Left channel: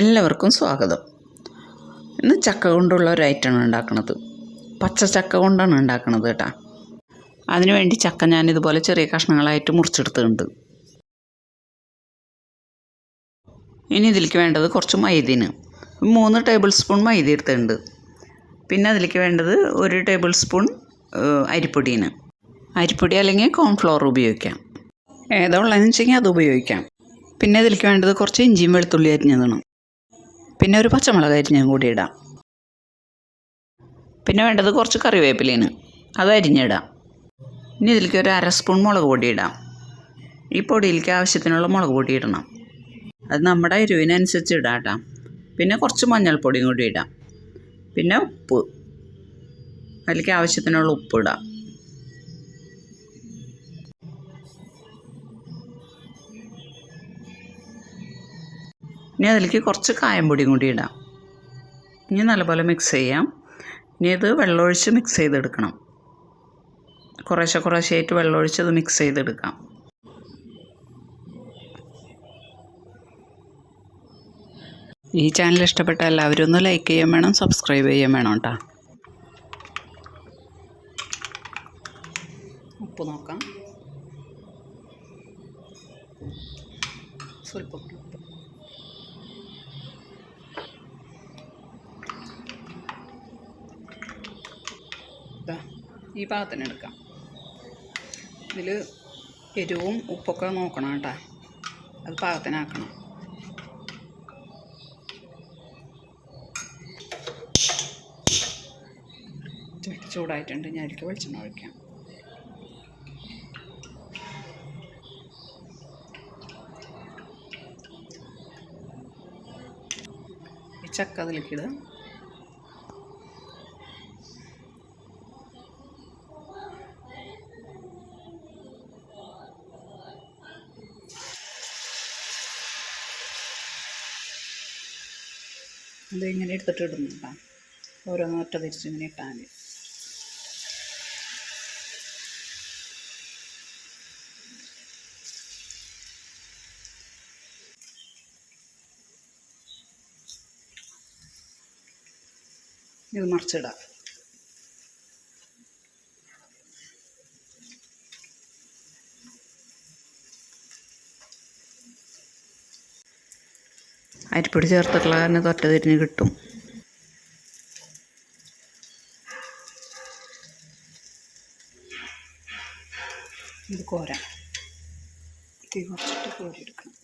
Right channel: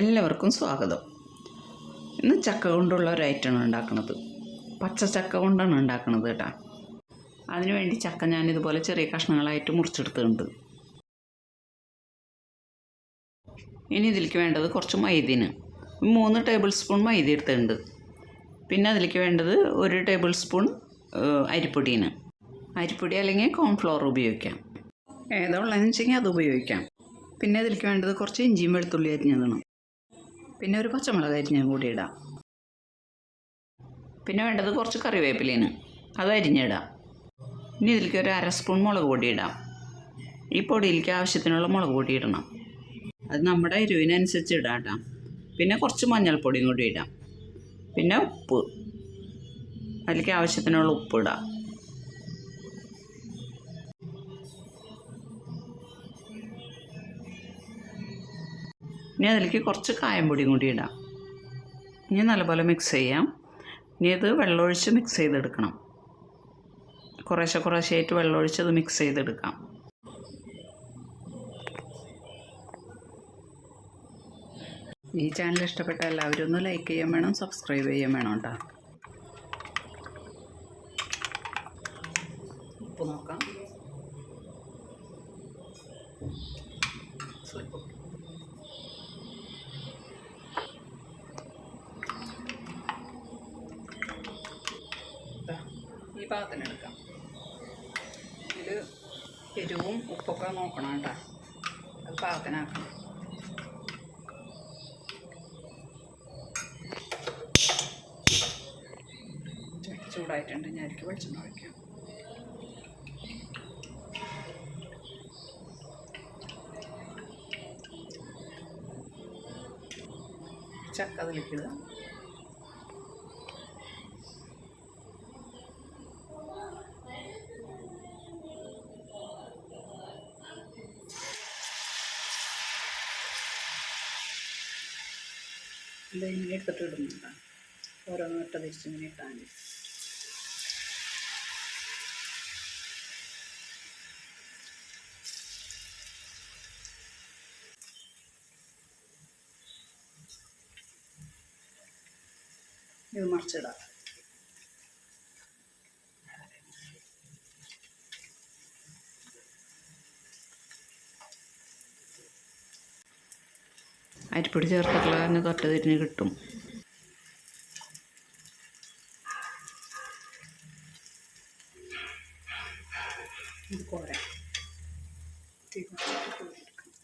എല്ലാവർക്കും സ്വാഗതം. ഇന്ന് ചക്ക കൊണ്ടുള്ള ഒരു ഐറ്റമാണ് ഉണ്ടാക്കുന്നത്. പച്ച ചക്ക കൊണ്ടാണ് ഉണ്ടാക്കുന്നത് കേട്ടോ. അതിനുവേണ്ടി ചക്ക ഞാനിതുപോലെ ചെറിയ കഷ്ണങ്ങളായിട്ട് മുറിച്ചെടുത്തിട്ടുണ്ട്. ഇനി ഇതിലേക്ക് വേണ്ടത് കുറച്ച് മൈദയാണ്. 3 ടേബിൾ സ്പൂൺ മൈദ എടുത്തിട്ടുണ്ട്. പിന്നെ അതിലേക്ക് വേണ്ടത് 1 ടേബിൾ സ്പൂൺ അരിപ്പൊടിയാണ്. അരിപ്പൊടി അല്ലെങ്കിൽ കോൺഫ്ലവർ ഉപയോഗിക്കാം. ഏതാ ഉള്ളതെന്ന് വെച്ചെങ്കിൽ അത് ഉപയോഗിക്കാം. പിന്നെ ഇതിലേക്ക് വേണ്ടത് കുറച്ച് ഇഞ്ചിയും വെളുത്തുള്ളി അരിഞ്ഞതാണ്. പിന്നെ ഒരു പച്ചമുളക് അരിഞ്ഞതും കൂടി ഇടാം. പിന്നെ വേണ്ടത് കുറച്ച് കറിവേപ്പിലയാണ്, അത് അരിഞ്ഞിടാം. ഇനി ഇതിലേക്ക് ഒരു 1/2 സ്പൂൺ മുളക് പൊടി ഇടാം. ഈ പൊടിയിലേക്ക് ആവശ്യത്തിനുള്ള മുളക് പൊടി ഇടണം. അത് നമ്മുടെ എരിവിനനുസരിച്ച് ഇടാം കേട്ടോ. പിന്നെ കുറച്ച് മഞ്ഞൾപ്പൊടിയും കൂടി ഇടാം. പിന്നെ ഉപ്പ്, അതിലേക്ക് ആവശ്യത്തിനുള്ള ഉപ്പ് ഇടാം. ഇനി അതിലേക്ക് കുറച്ച് കായം പൊടിയും കൂടി ഇടാം. ഇനി നല്ലപോലെ മിക്സ് ചെയ്യാം. ഇനി ഇത് വെള്ളമൊഴിച്ച് മിക്സ് ചെയ്തെടുക്കണം. കുറേശ്ശെയായിട്ട് വെള്ളമൊഴിച്ച് അത് മിക്സ് ചെയ്തെടുക്കാം. ഈ ചാനൽ ഇഷ്ടപ്പെട്ട എല്ലാവരും ഒന്ന് ലൈക്ക് ചെയ്യാൻ വേണം, സബ്സ്ക്രൈബ് ചെയ്യാൻ വേണം കേട്ടോ. ഉപ്പ് നോക്കാം. സ്വല്പം ഈ പാകത്തിന് എടുക്കാം. ഇതിൽ എരിവും ഉപ്പൊക്കെ നോക്കണം കേട്ടോ. അത് പാകത്തിനാക്കണം. ചട്ടി ചൂടായിട്ടുണ്ട്. ഞാൻ അതിലേക്ക് വെളിച്ചെണ്ണ ഒഴിക്കാം. ഈ ചക്ക അതിലേക്ക് ഇടുക. ഇതിങ്ങനെ എടുത്തിട്ട് ഇടുന്നുണ്ടോ, ഓരോന്ന് ഒറ്റ തിരിച്ച് ഇങ്ങനെ ഇട്ടാൽ മതി. ഇത് മറിച്ചിടാം. അരിപ്പൊടി ചേർത്തിട്ടുള്ള കാരണം തൊറ്റ തിരിഞ്ഞ് കിട്ടും. ഇത് കോരാം. തീ കുറച്ചിട്ട് കോരിയെടുക്കണം.